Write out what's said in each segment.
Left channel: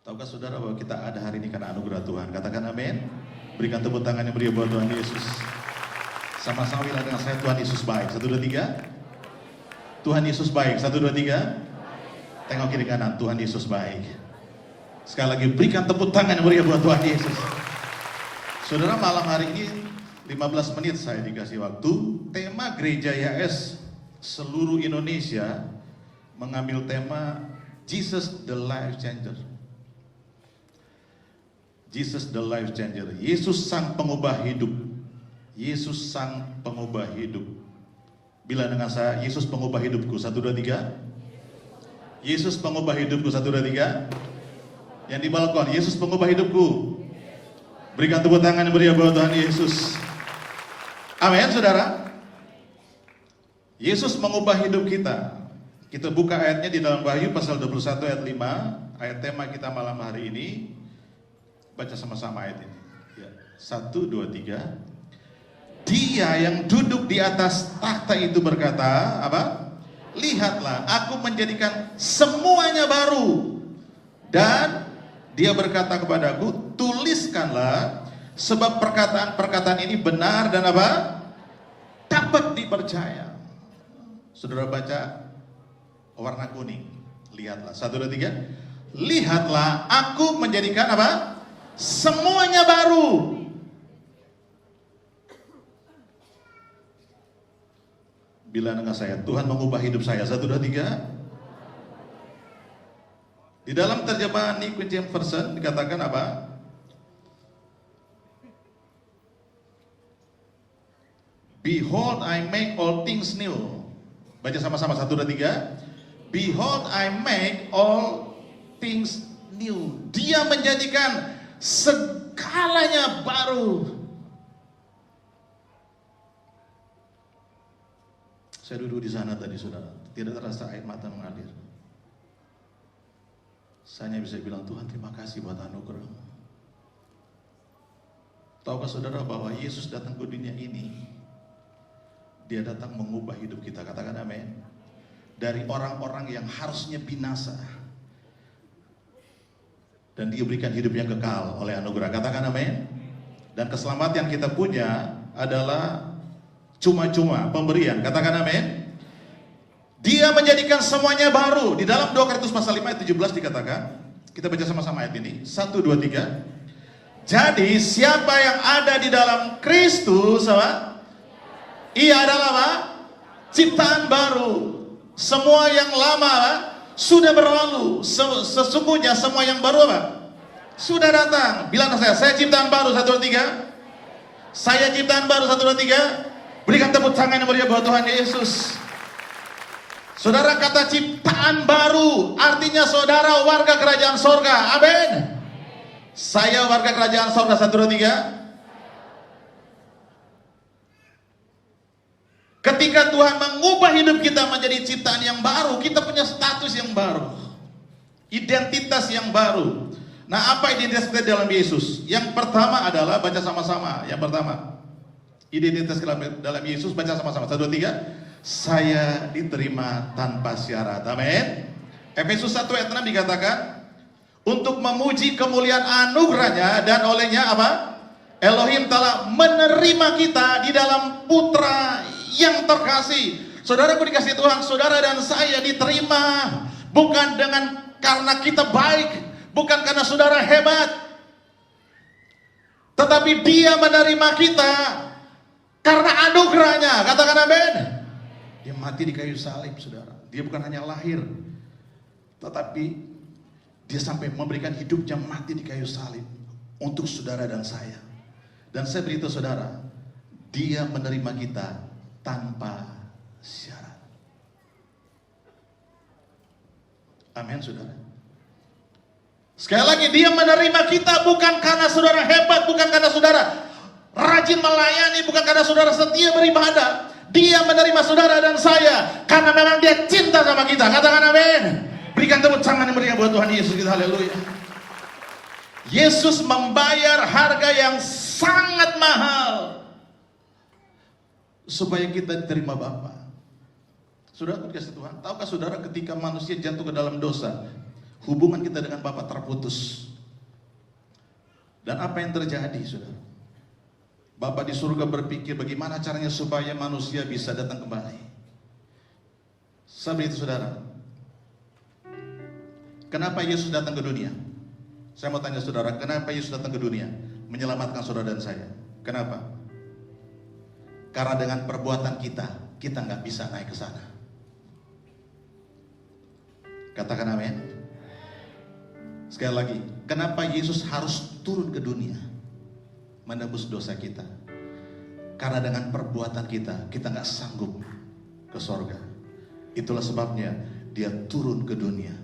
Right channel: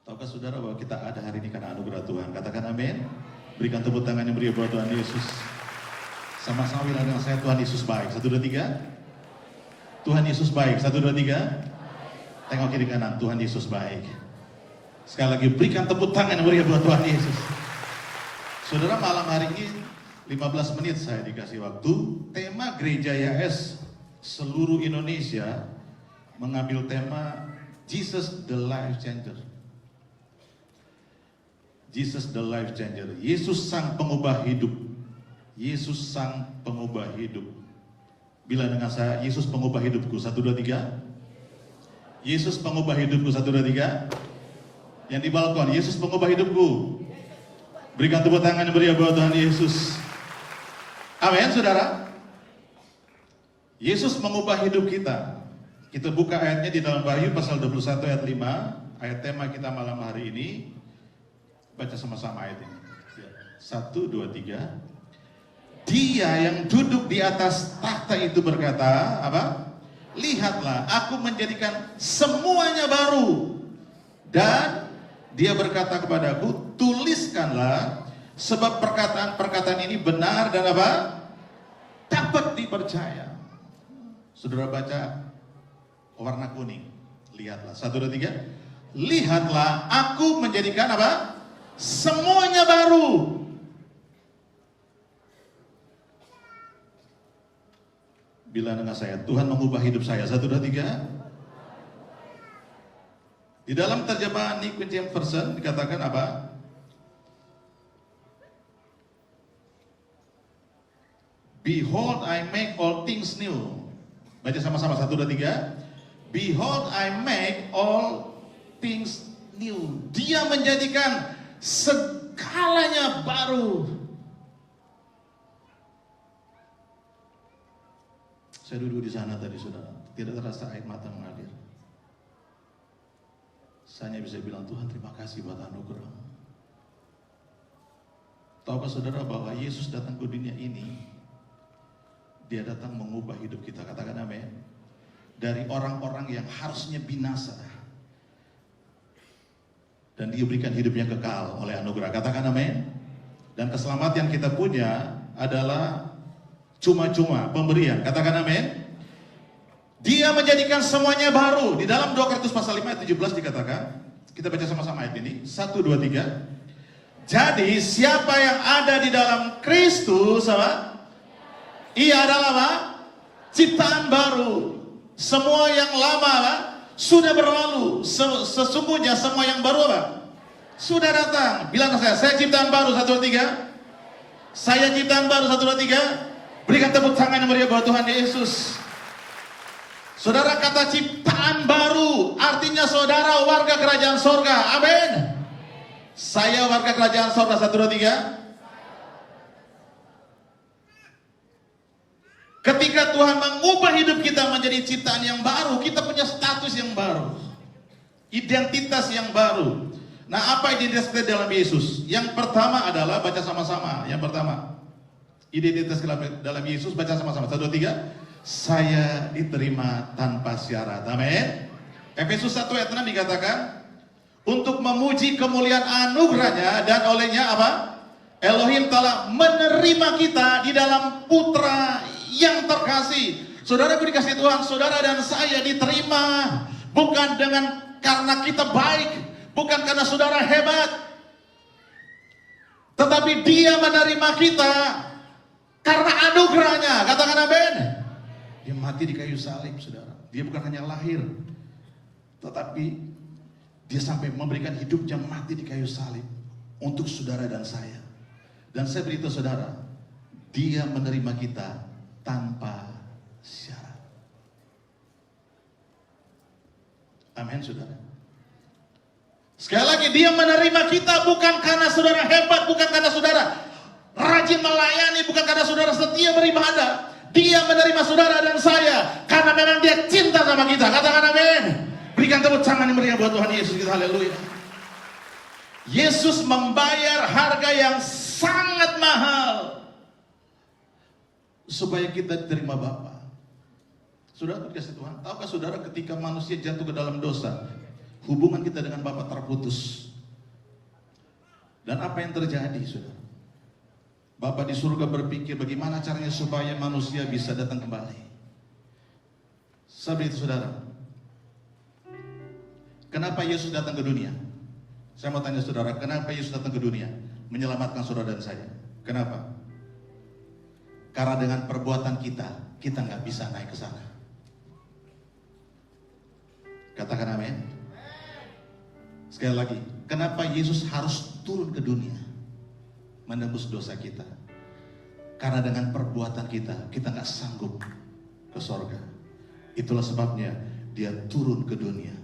Tahukah saudara bahwa kita ada hari ini karena anugerah Tuhan? Katakan amin. Berikan tepuk tangan yang meriah buat Tuhan Yesus. Sama-sama bilang dengan saya, Tuhan Yesus baik. 1, 2, 3. Tuhan Yesus baik. 1, 2, 3. Tengok kiri kanan, Tuhan Yesus baik. Sekali lagi berikan tepuk tangan yang meriah buat Tuhan Yesus. Saudara, malam hari ini 15 menit saya dikasih waktu. Tema Gereja YS seluruh Indonesia mengambil tema Jesus the Life Changer. Jesus the Life Changer. Yesus sang pengubah hidup. Yesus sang pengubah hidup. Bila dengan saya, Yesus pengubah hidupku. 1, 2, 3. Yesus pengubah hidupku. 1, 2, 3. Yang di balkon, Yesus pengubah hidupku. Berikan tepuk tangan yang meriah buat Tuhan Yesus. Amin, saudara. Yesus mengubah hidup kita. Kita buka ayatnya di dalam Wahyu pasal 21 ayat 5. Ayat tema kita malam hari ini. Baca sama-sama ayat ini. 1, 2, 3. Dia yang duduk di atas takhta itu berkata, apa? Lihatlah, aku menjadikan semuanya baru. Dan dia berkata kepadaku, tuliskanlah, sebab perkataan-perkataan ini benar dan apa? Dapat dipercaya. Saudara baca warna kuning. Lihatlah, 1, 2, 3. Lihatlah, aku menjadikan apa? Semuanya baru. Bila dengan saya, Tuhan mengubah hidup saya. 1, 2, 3. Di dalam terjemahan New King James Version dikatakan apa? Behold, I make all things new. Baca sama-sama, 1, 2, 3. Behold, I make all things new. Dia menjadikan segalanya baru. Saya duduk di sana tadi, saudara. Tidak terasa air mata mengalir. Saya hanya bisa bilang, Tuhan terima kasih buat anugerah. Tahukah saudara bahwa Yesus datang ke dunia ini, Dia datang mengubah hidup kita. Katakan amin. Dari orang-orang yang harusnya binasa, dan Dia berikan hidupnya kekal oleh anugerah. Katakan amin. Dan keselamatan yang kita punya adalah cuma-cuma pemberian. Katakan amin. Dia menjadikan semuanya baru. Di dalam 2 Korintus pasal 5 ayat 17 dikatakan, kita baca sama-sama ayat ini. 1, 2, 3. Jadi siapa yang ada di dalam Kristus, apa? Ia adalah apa? Ciptaan baru. Semua yang lama sudah berlalu. Sesungguhnya semua yang baru apa? Sudah datang. Bilang ke saya ciptaan baru. 1, 2, 3. Saya ciptaan baru. 1, 2, 3. Berikan tepuk tangan yang meriah buat Tuhan Yesus. Saudara, kata ciptaan baru artinya saudara warga kerajaan sorga. Amin. Saya warga kerajaan sorga. 1, 2, 3. Ketika Tuhan mengubah hidup kita menjadi ciptaan yang baru, kita punya status yang baru, identitas yang baru. Nah, apa identitas kita dalam Yesus? Yang pertama adalah, baca sama-sama. Yang pertama, identitas dalam Yesus, baca sama-sama. 1, 2, 3. Saya diterima tanpa syarat. Amin. Efesus 1 ayat 6 dikatakan, untuk memuji kemuliaan anugerahnya, dan olehnya apa? Elohim telah menerima kita di dalam Putra yang terkasih. Saudaraku dikasih Tuhan, saudara dan saya diterima bukan karena kita baik, bukan karena saudara hebat, tetapi Dia menerima kita karena anugerahnya. Katakan amin. Dia mati di kayu salib, saudara. Dia bukan hanya lahir, tetapi Dia sampai memberikan hidupnya mati di kayu salib untuk saudara dan saya. Dan saya beritahu saudara, Dia menerima kita tanpa syarat. Amin, saudara. Sekali lagi, Dia menerima kita bukan karena saudara hebat, bukan karena saudara rajin melayani, bukan karena saudara setia beribadah. Dia menerima saudara dan saya karena memang Dia cinta sama kita. Katakan amin. Berikan tepuk tangan yang meriah buat Tuhan Yesus kita. Haleluya. Yesus membayar harga yang sangat mahal supaya kita diterima Bapa. Saudara dikasih Tuhan, tahukah saudara ketika manusia jatuh ke dalam dosa, hubungan kita dengan Bapa terputus. Yesus. Dan apa yang terjadi, saudara? Bapa di surga berpikir bagaimana caranya supaya manusia bisa datang kembali. Sebab itu, saudara, kenapa Yesus datang ke dunia? Saya mau tanya saudara, kenapa Yesus datang ke dunia? Menyelamatkan saudara dan saya. Kenapa? Karena dengan perbuatan kita nggak bisa naik ke sana. Katakan amin. Sekali lagi, kenapa Yesus harus turun ke dunia menebus dosa kita? Karena dengan perbuatan kita nggak sanggup ke sorga. Itulah sebabnya dia turun ke dunia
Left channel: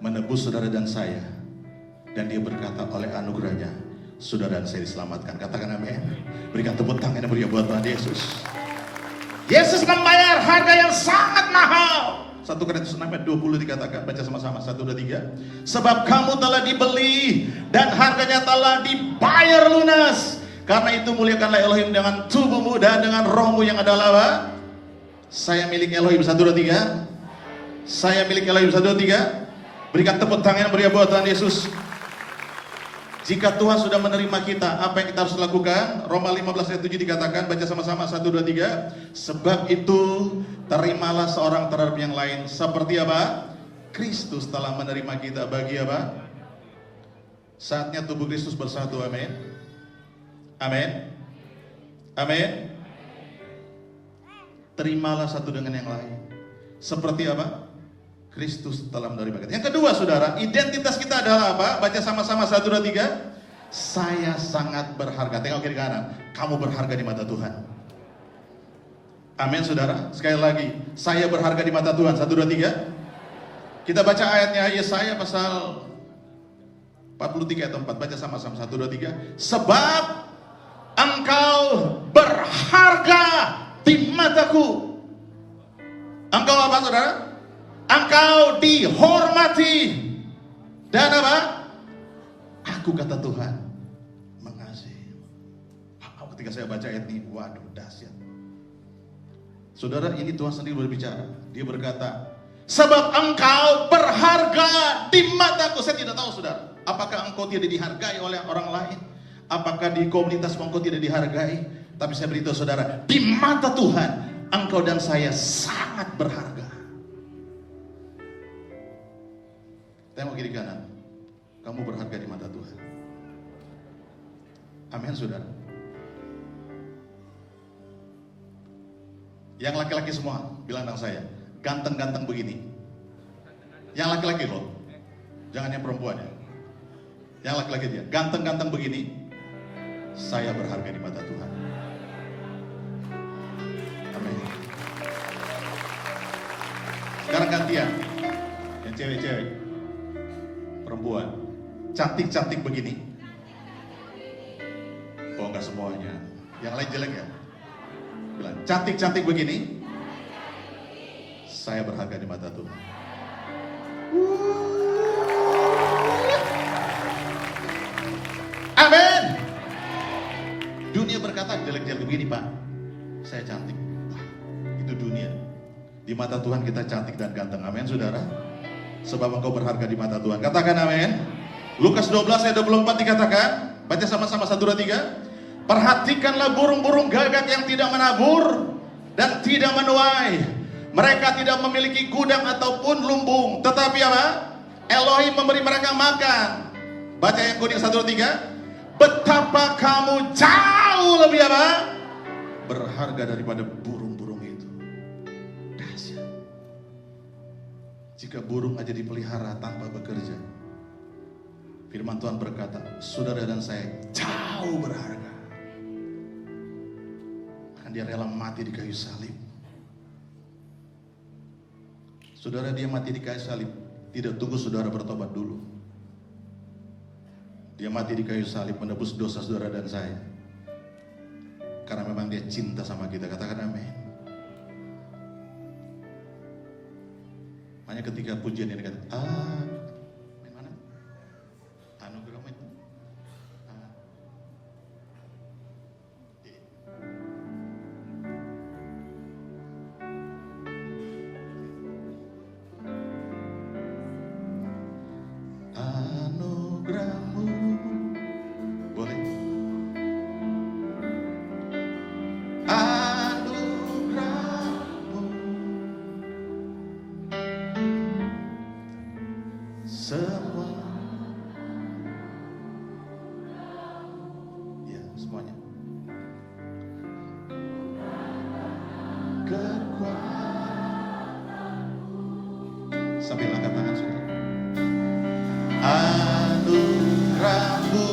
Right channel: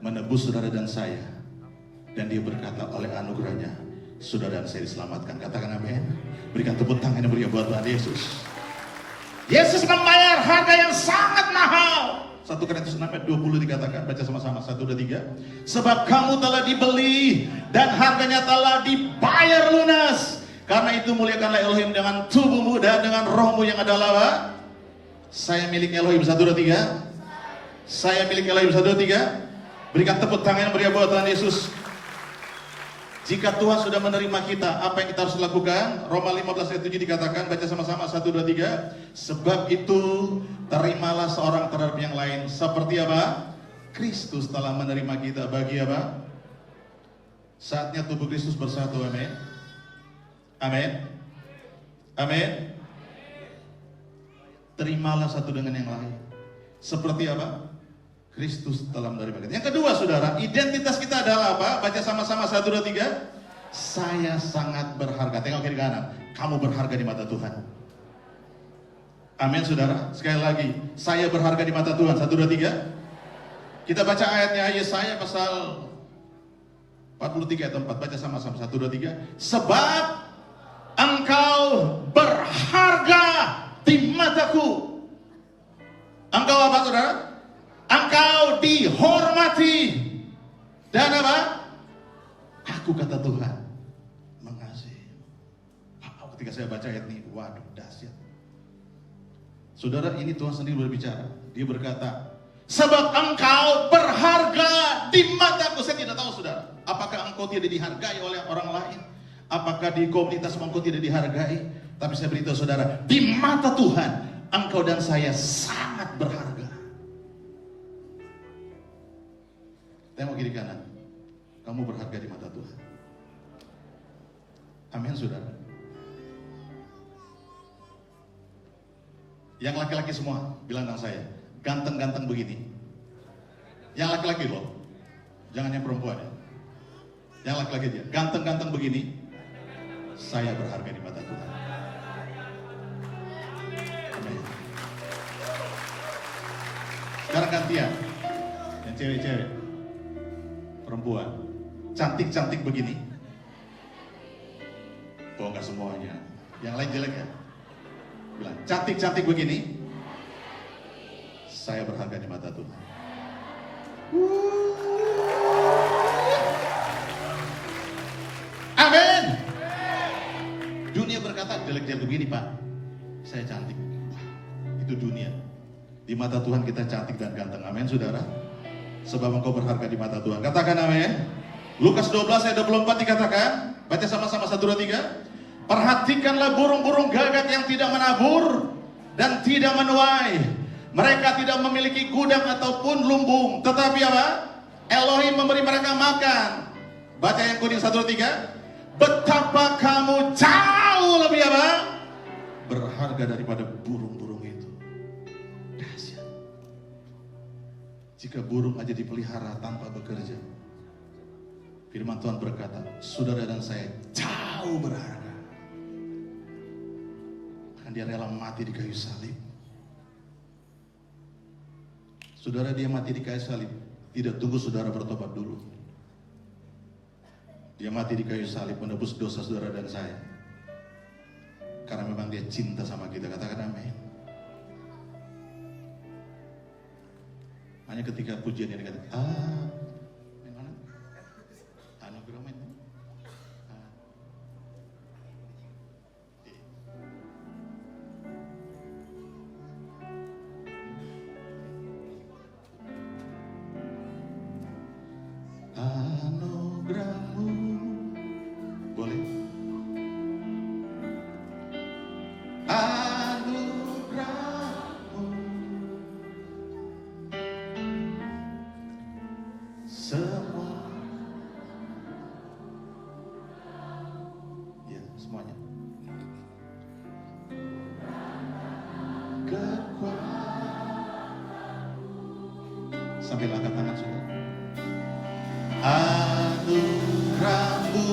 menebus saudara dan saya. Dan dia berkata oleh anugerahnya, saudara dan saya diselamatkan. Katakan amin. Berikan tepuk tangan yang meriah buat Tuhan Yesus. Yesus membayar harga yang sangat mahal. 1 Korintus 6 ayat 20 dikatakan, baca sama-sama, 1, 2, 3. Sebab kamu telah dibeli dan harganya telah dibayar lunas. Karena itu muliakanlah Elohim dengan tubuhmu dan dengan rohmu yang adalah apa? Saya milik Elohim, 1, 2, 3. Saya milik Elohim, 1, 2, 3. Berikan tepuk tangan yang meriah buat Tuhan Yesus. Jika Tuhan sudah menerima kita, apa yang kita harus lakukan? Roma 15 ayat 7 dikatakan, baca sama-sama, 1, 2, 3. Sebab itu terimalah seorang terhadap yang lain. Seperti apa? Kristus telah menerima kita bagi apa? Saatnya tubuh Kristus bersatu, amin. Amin. Amin. Terimalah satu dengan yang lain. Seperti apa? Kristus telah menerima kita. Yang kedua, saudara, identitas kita adalah apa? Baca sama-sama, 1, 2, 3. Saya sangat berharga. Tengok kiri kanan. Kamu berharga di mata Tuhan. Amin, saudara. Sekali lagi, saya berharga di mata Tuhan. 1, 2, 3. Kita baca ayatnya, Yesaya pasal 43 ayat 4. Baca sama-sama, 1, 2, 3. Sebab engkau berharga di mataku. Engkau apa, saudara? Engkau dihormati. Dan apa? Aku, kata Tuhan, mengasihi. Ketika saya baca ayat ini, waduh, dahsyat. Saudara, ini Tuhan sendiri berbicara. Dia berkata, sebab engkau berharga di mataku. Saya tidak tahu, saudara, apakah engkau tidak dihargai oleh orang lain? Apakah di komunitas engkau tidak dihargai? Tapi saya beritahu saudara, di mata Tuhan, engkau dan saya sangat berharga. Tengok kiri kanan. Kamu berharga di mata Tuhan. Amin, saudara. Yang laki-laki semua bilang dengan saya, ganteng-ganteng begini. Yang laki-laki loh, jangan yang perempuan ya. Yang laki-laki dia, ganteng-ganteng begini, saya berharga di mata Tuhan. Amin. Sekarang gantian, yang cewek-cewek, perempuan, cantik-cantik begini. Oh, enggak semuanya. Yang lain jelek ya? Bilang, cantik-cantik begini, saya berharga di mata Tuhan. Amin. Dunia berkata jelek-jelek begini, Pak, saya cantik. Itu dunia. Di mata Tuhan kita cantik dan ganteng. Amin, saudara. Sebab engkau berharga di mata Tuhan. Katakan amin. Lukas 12 ayat 24 dikatakan, baca sama-sama, 1, 2, 3. Perhatikanlah burung-burung gagak yang tidak menabur dan tidak menuai. Mereka tidak memiliki gudang ataupun lumbung, tetapi apa? Elohim memberi mereka makan. Baca yang kuning, 1, 2, 3. Betapa kamu jauh lebih apa? Berharga daripada burung-burung itu. Dahsyat. Jika burung aja dipelihara tanpa bekerja, firman Tuhan berkata, saudara dan saya jauh berharga. Bahkan dia rela mati di kayu salib. Saudara, dia mati di kayu salib tidak tunggu saudara bertobat dulu. Dia mati di kayu salib menebus dosa saudara dan saya. Karena memang dia cinta sama kita. Katakan amin. Hanya ketika pujian ini kata, mana? Anugerah itu. semua. Ya, semuanya. Sambil angkat tangan saudara. Anugerahmu,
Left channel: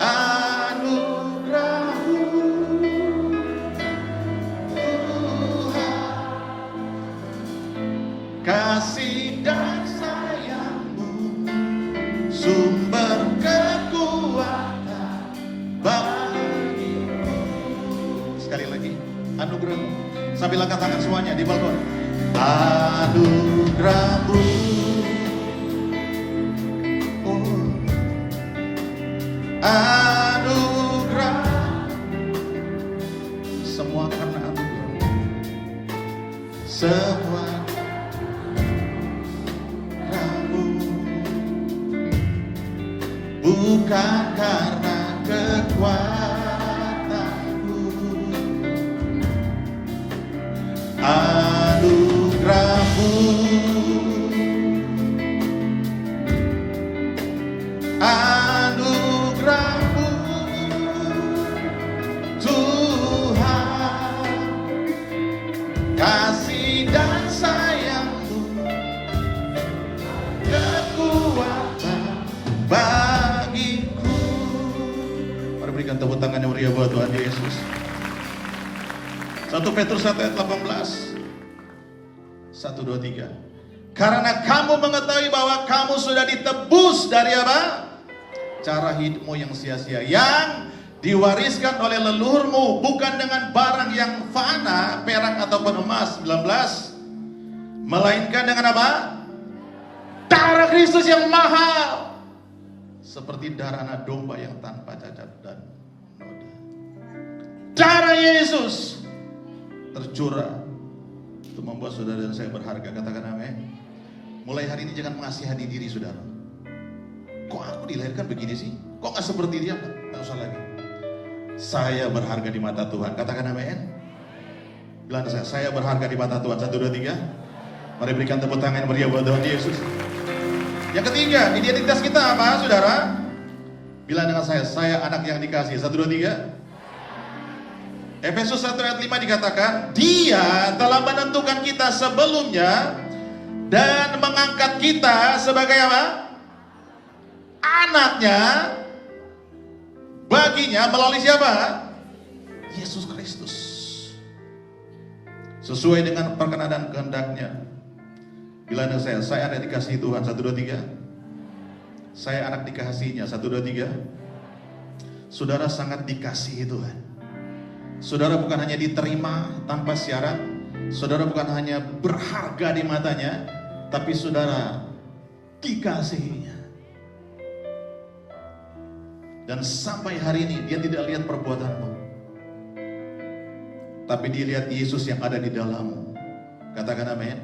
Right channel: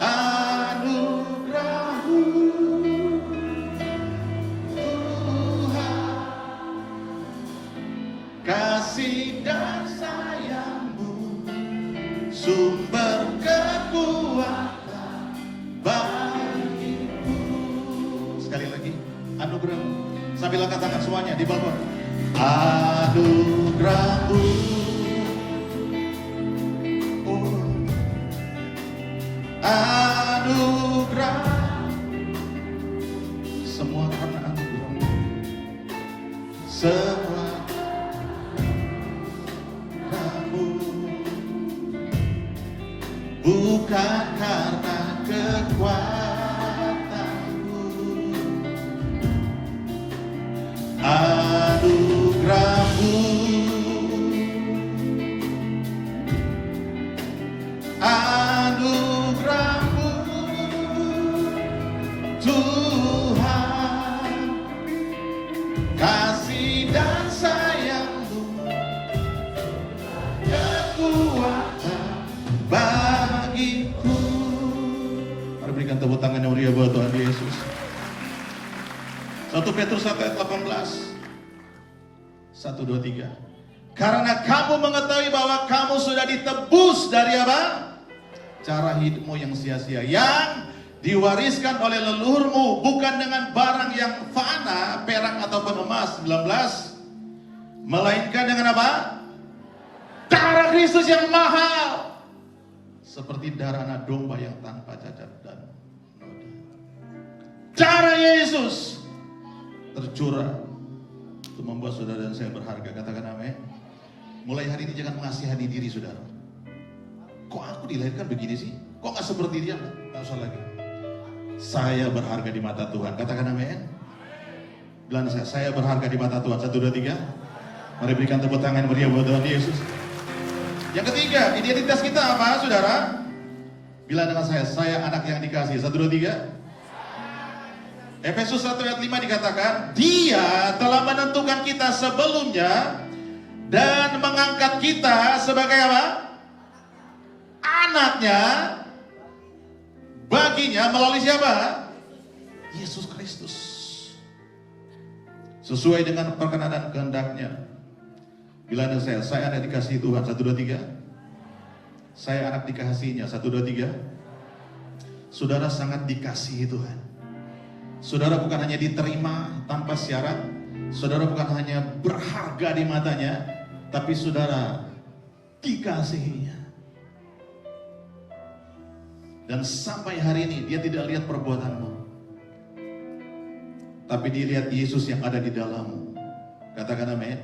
anugerahmu, Tuhan, kasih dan sayangmu, sumber kekuatan bagiku. Sekali lagi, anugerahmu. Sambil angkat tangan semuanya di balkon. Anugerahmu, oh, anugerah, semua karena anugerahmu, semua kamu, bukan karena kekuatanmu. Anugerahmu, anugerahmu, Tuhan, kasih dan sayangmu, kekuatan bagiku. Mari berikan tepuk tangan yang meriah buat Tuhan Yesus. 1 Petrus 1 ayat 18. 1, 2, 3. Karena kamu mengetahui bahwa kamu sudah ditebus dari apa? Cara hidupmu yang sia-sia, yang diwariskan oleh leluhurmu, bukan dengan barang yang fana, perak ataupun emas, 19, melainkan dengan apa? Darah Kristus yang mahal, seperti darah anak domba yang tanpa cacat dan noda. Darah Yesus tercurah untuk membuat saudara dan saya berharga. Katakan amin. Mulai hari ini jangan mengasihani diri saudara. Kok aku dilahirkan begini sih? Kok gak seperti dia? Gak usah lagi. Saya berharga di mata Tuhan. Katakan amin. Bilang saya berharga di mata Tuhan. 1, 2, 3. Mari berikan tepuk tangan meriah buat Tuhan Yesus. Yang ketiga, identitas kita apa saudara? Bilang dengan saya anak yang dikasihi. 1, 2, 3. Efesus 1 ayat 5 dikatakan, Dia telah menentukan kita sebelumnya dan mengangkat kita sebagai apa? Anaknya baginya melalui siapa? Yesus Kristus. Sesuai dengan perkenan kehendaknya. Bila ada saya anak dikasihi Tuhan. 1, 2, 3. Saya anak dikasihinya. 1, 2, 3. Saudara sangat dikasihi Tuhan. Saudara bukan hanya diterima tanpa syarat, saudara bukan hanya berharga di matanya, tapi saudara dikasihinya. Dan sampai hari ini dia tidak lihat perbuatanmu, tapi dia lihat Yesus yang ada di dalammu. Katakan amin.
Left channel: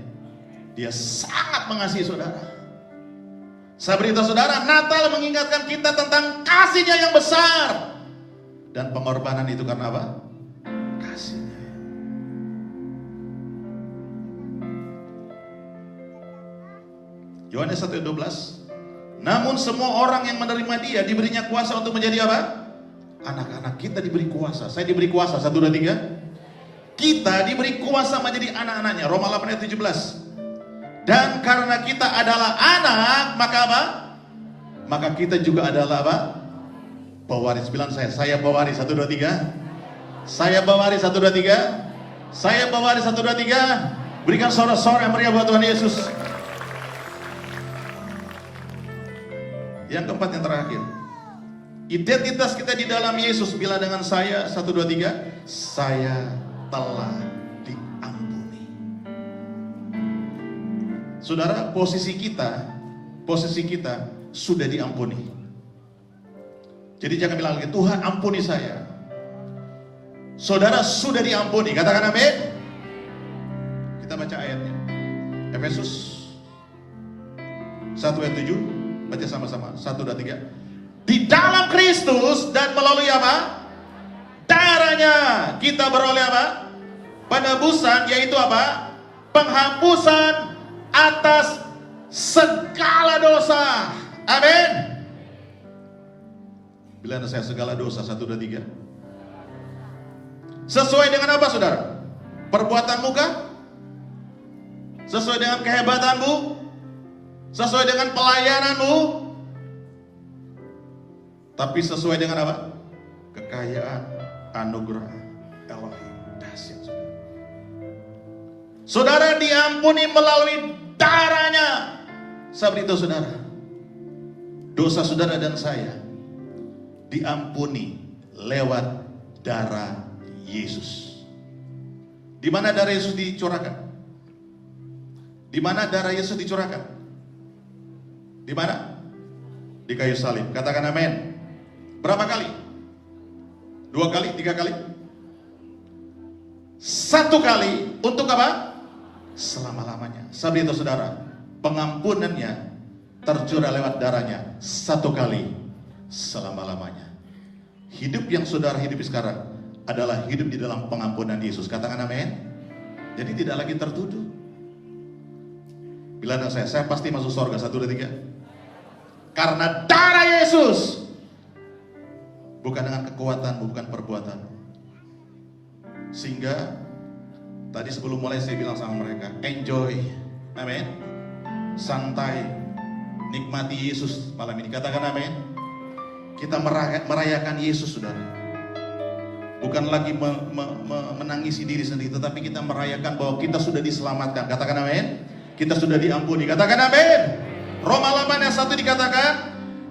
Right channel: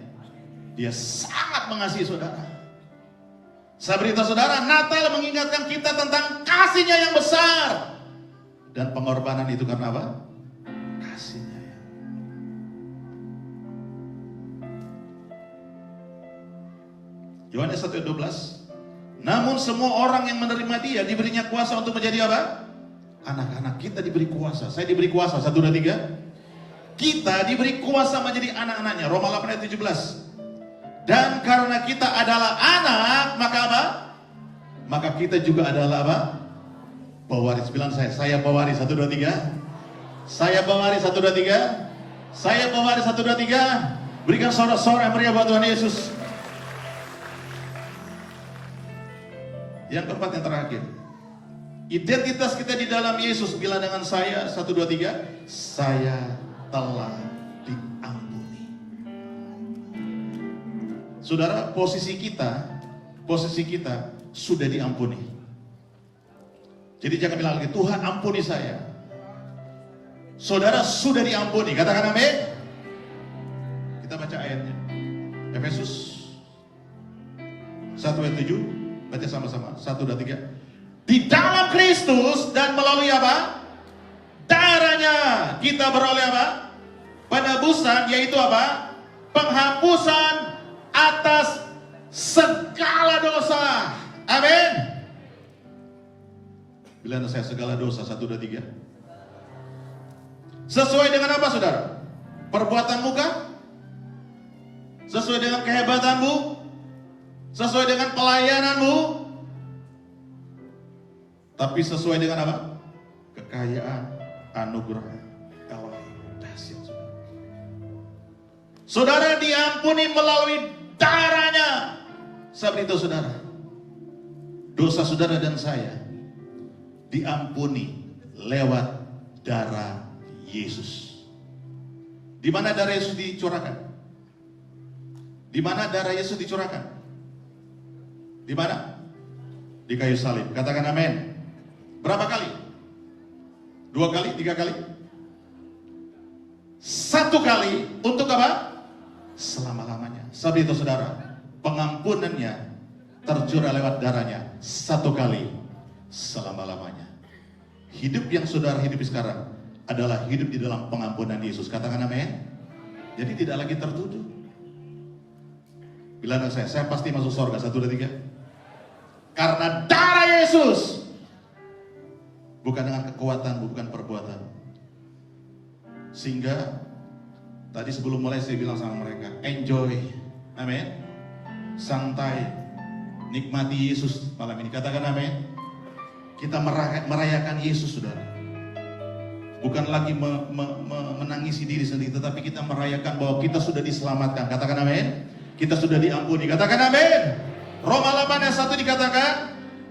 Dia sangat mengasihi saudara. Saya beritahu saudara, Natal mengingatkan kita tentang kasihnya yang besar. Dan pengorbanan itu karena apa? Kasihnya. Yohanes 1:12. Namun semua orang yang menerima dia diberinya kuasa untuk menjadi apa? Anak-anak. Kita diberi kuasa. Saya diberi kuasa. 1, 2, 3. Kita diberi kuasa menjadi anak-anaknya. Roma 8 ayat 17. Dan karena kita adalah anak, maka apa? Maka kita juga adalah apa? Pewaris. Bilang saya pewaris. 1, 2, 3. Saya pewaris. 1, 2, 3. Saya pewaris. 1, 2, 3. Berikan sorak-sorak yang meriah buat Tuhan Yesus. Yang keempat, yang terakhir, identitas kita di dalam Yesus. Bila dengan saya, 1, 2, 3, saya telah diampuni. Saudara, posisi kita sudah diampuni. Jadi jangan bilang lagi, Tuhan ampuni saya. Saudara sudah diampuni. Katakan amin. Kita baca ayatnya. Efesus 1 ayat 7. Baca sama-sama. 1, 2, 3. Di dalam Kristus dan melalui apa? Darahnya kita beroleh apa? Penebusan, yaitu apa? penghapusan atas segala dosa. Amin. Bilang saya segala dosa, 1, 2, 3. Sesuai dengan apa saudara? Perbuatanmu kah? Sesuai dengan kehebatanmu? Sesuai dengan pelayananmu? Tapi sesuai dengan apa? Kekayaan, anugerah Elohim. Dahsyat saudara. Saudara diampuni melalui darahnya. Saya beritahu saudara, dosa saudara dan saya diampuni lewat darah Yesus. Di mana darah Yesus dicurahkan? Di mana darah Yesus dicurahkan? Di mana? Di kayu salib. Katakan amin. Berapa kali? 2 kali? 3 kali? 1 kali. Untuk apa? Selama-lamanya. Saya beritahu saudara, pengampunannya tercurah lewat darahnya 1 kali selama-lamanya. Hidup yang saudara hidup sekarang adalah hidup di dalam pengampunan Yesus. Katakan amin. Jadi tidak lagi tertuduh. Bilang saya pasti masuk surga. 1, 2, 3. Karena darah Yesus. Bukan dengan kekuatan, bukan perbuatan. Sehingga tadi sebelum mulai saya bilang sama mereka, enjoy. Amin. Santai. Nikmati Yesus malam ini. Katakan amin. Kita merayakan Yesus, saudara. Bukan lagi menangisi diri sendiri, tetapi kita merayakan bahwa kita sudah diselamatkan. Katakan amin. Kita sudah diampuni. Katakan amin. Roma 8 ayat 1 dikatakan,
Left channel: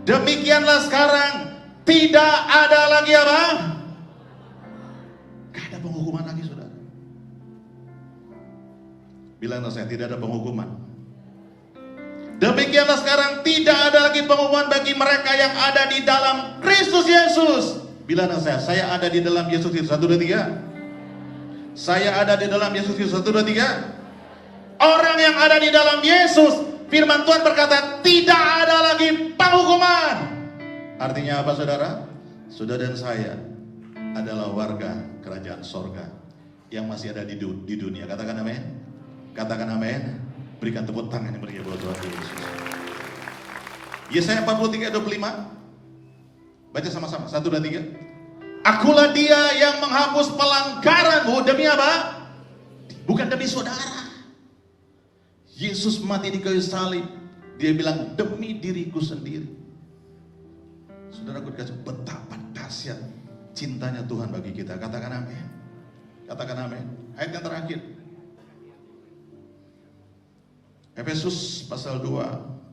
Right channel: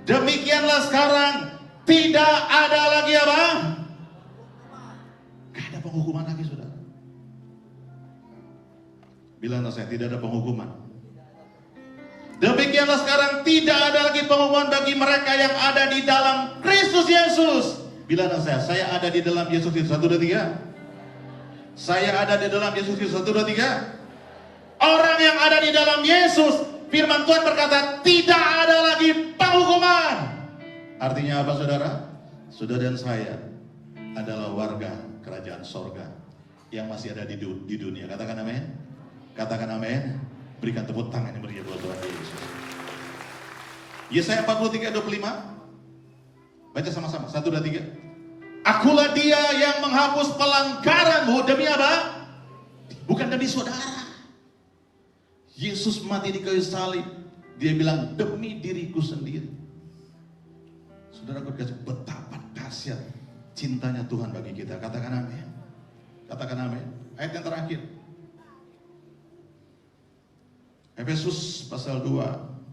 demikianlah sekarang tidak ada lagi apa? Gak ada penghukuman lagi, saudara. Bilanglah saya, tidak ada penghukuman. Demikianlah sekarang tidak ada lagi penghukuman bagi mereka yang ada di dalam Kristus Yesus. Bilanglah saya ada di dalam Yesus Kristus. 1, 2, 3. Saya ada di dalam Yesus Kristus. 1, 2, 3. Orang yang ada di dalam Yesus, firman Tuhan berkata, tidak ada lagi penghukuman. Artinya apa saudara? Saudara dan saya adalah warga kerajaan sorga yang masih ada di dunia. Katakan amin. Katakan amin. Berikan tepuk tangan yang meriah buat Tuhan Yesus. Yesaya 43 ayat 25. Baca sama-sama. 1, 2, 3. Akulah dia yang menghapus pelanggaranmu. Demi apa? Bukan demi saudara. Yesus mati di kayu salib. Dia bilang, demi diriku sendiri. Saudara, betapa dahsyat cintanya Tuhan bagi kita. Katakan amin. Katakan amin. Ayat yang terakhir. Efesus pasal 2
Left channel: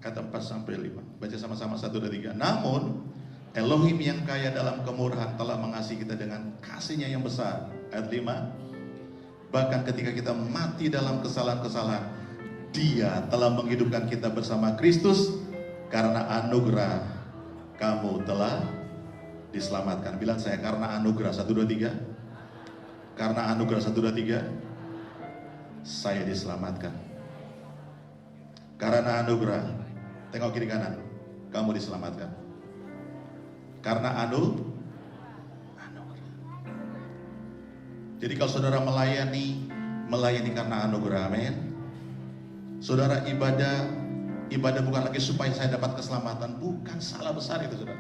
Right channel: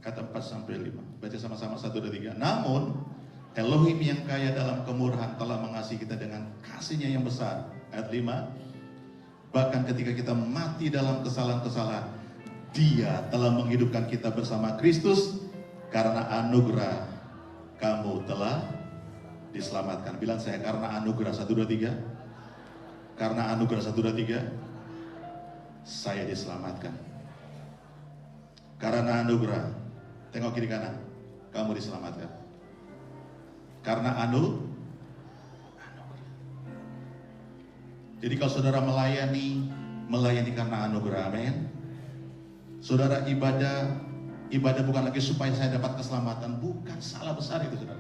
ayat 4 sampai 5. Baca sama-sama. 1, 2, 3. Namun Elohim yang kaya dalam kemurahan telah mengasihi kita dengan kasih-Nya yang besar. Ayat 5. Bahkan ketika kita mati dalam kesalahan-kesalahan, Dia telah menghidupkan kita bersama Kristus. Karena anugerah kamu telah diselamatkan. Bilang saya, karena anugerah. 1, 2, 3. Karena anugerah. 1, 2, 3. Saya diselamatkan. Karena anugerah. Tengok kiri kanan. Kamu diselamatkan. Karena anugerah. Jadi kalau saudara melayani karena anugerah. Amin. Saudara, ibadah bukan lagi supaya saya dapat keselamatan. Bukan, salah besar itu saudara.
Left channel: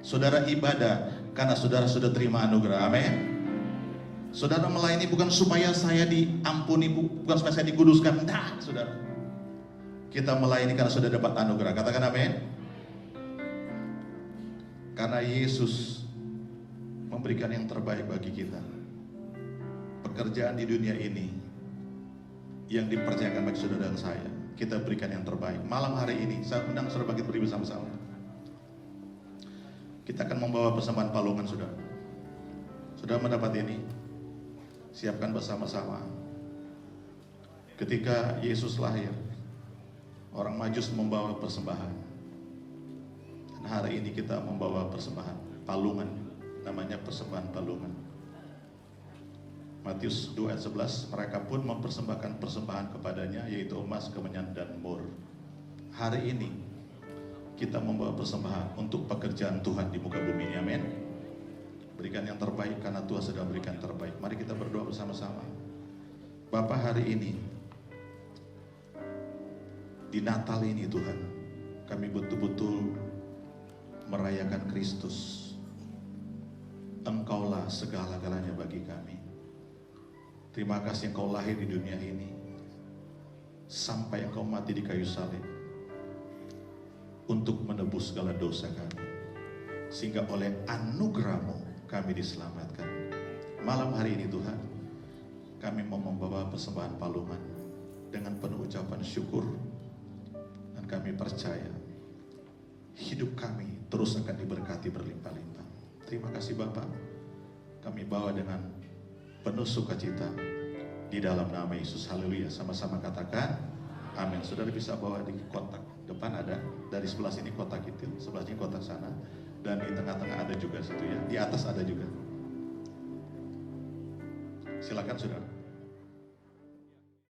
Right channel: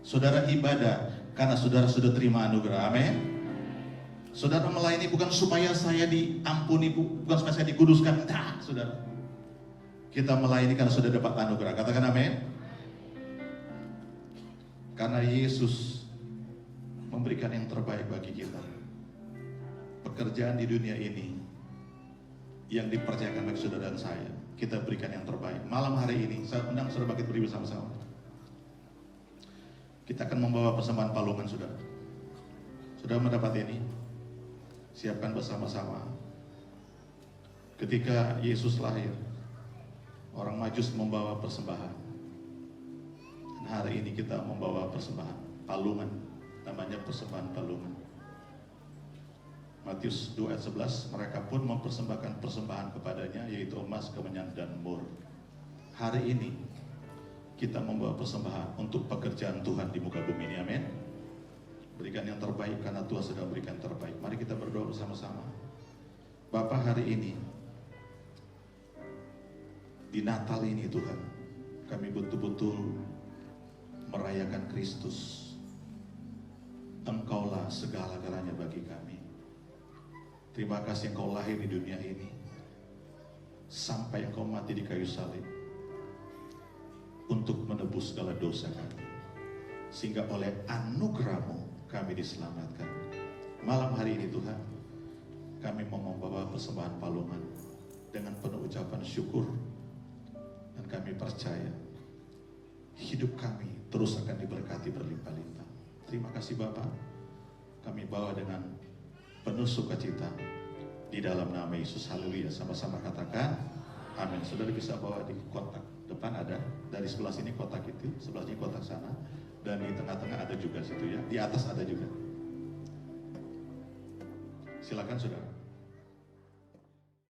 Saudara ibadah karena saudara sudah terima anugerah. Amin. Saudara melayani bukan supaya saya diampuni, bukan supaya saya dikuduskan. Nah, saudara, kita melayani karena sudah dapat anugerah. Katakan amin. Karena Yesus memberikan yang terbaik bagi kita. Pekerjaan di dunia ini yang dipercayakan bagi saudara dan saya, kita berikan yang terbaik. Malam hari ini saya undang saudara bagi berdiri bersama-sama. Kita akan membawa persembahan palungan saudara. Saudara mendapat ini, siapkan bersama-sama. Ketika Yesus lahir, orang Majus membawa persembahan. Dan hari ini kita membawa persembahan palungan, namanya persembahan palungan. Matius 2 ayat 11, mereka pun mempersembahkan persembahan kepadanya, yaitu emas, kemenyan, dan mur. Hari ini kita membawa persembahan untuk pekerjaan Tuhan di muka bumi ini, amin. Berikan yang terbaik karena Tuhan sedang berikan terbaik. Mari kita berdoa bersama-sama. Bapa, hari ini Di Natal ini Tuhan, kami betul-betul merayakan Kristus. Engkaulah segala-galanya bagi kami. Terima kasih Engkau lahir di dunia ini, sampai Engkau mati di kayu salib untuk menebus segala dosa kami, sehingga oleh anugerah-Mu kami diselamatkan. Malam hari ini Tuhan, kami mau membawa persembahan palungan dengan penuh ucapan syukur, dan kami percaya hidup kami terus akan diberkati berlimpah-limpah. Terima kasih Bapa, kami bawa dengan penuh sukacita di dalam nama Yesus. Haleluya. Sama-sama katakan amin. Saudara bisa bawa di kotak depan, ada dari sebelah sini kotak itu, sebelah sini kotak sana, dan di tengah-tengah ada juga situ ya, di atas ada juga. Silakan saudara.